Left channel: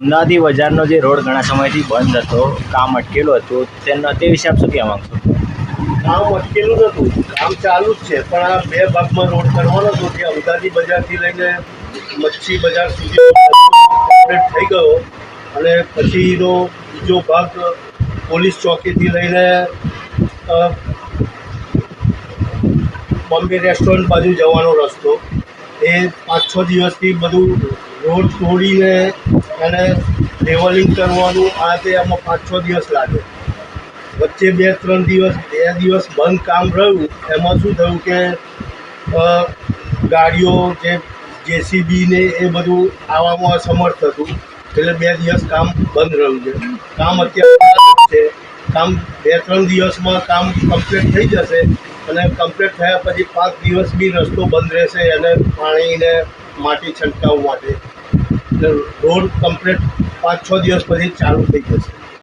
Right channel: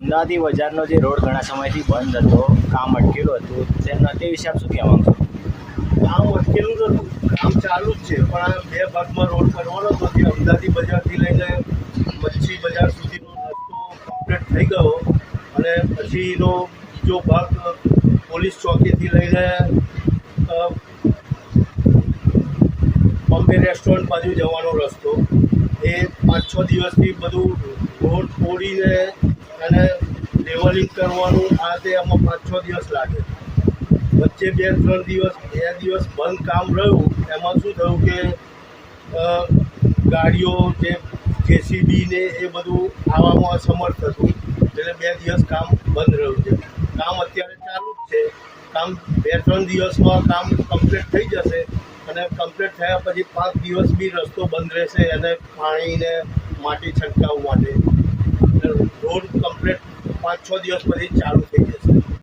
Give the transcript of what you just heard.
અમદાવાદી બજારનો જે રોડ ઘણા સમયથી બંધ હતો, કામ અટકેલું હતું, તે વિશે આપ શું કહેવા માંગશો? કામ અટકેલું નહોતું, કામ ચાલુ જ છે, પણ આ બે ભાગમાં રોડ કરવાનો હતો. જે અમદાવાદી બજારથી લઈને મચ્છી બજાર સુધી કમ્પ્લીટ થઈ ગયો, અને પછીનો બીજો ભાગ પોલીસ ચોકીથી લઈને બોમ્બે રેસ્ટોરન્ટ બાજુ જવાનો રસ્તો, એ 5-6 દિવસથી બધું રોડ તોડીને અને લેવલિંગ કરવાનું, આ તે આમાં 5-6 દિવસ લાગે. વચ્ચે 2 દિવસ બંધ કામ રહ્યું. એમાં શું થયું કે ગાડીઓ જે જેસીબી ને એ બધું આવવામાં અસમર્થ હતું, એટલે 2 દિવસ કામ બંધ રહ્યું છે. કામ અત્યારે ચાલુ છે. કામ 2-3 દિવસમાં કામ કમ્પ્લીટ થઈ જશે, અને કમ્પ્લીટ થયા પછી 5 દિવસ બી રસ્તો બંધ રહેશે, અને પાણીને માટી છંટકાવ માટે. એટલે રોડ કમ્પ્લીટ 5-6 દિવસ પછી ચાલુ થઈ જશે.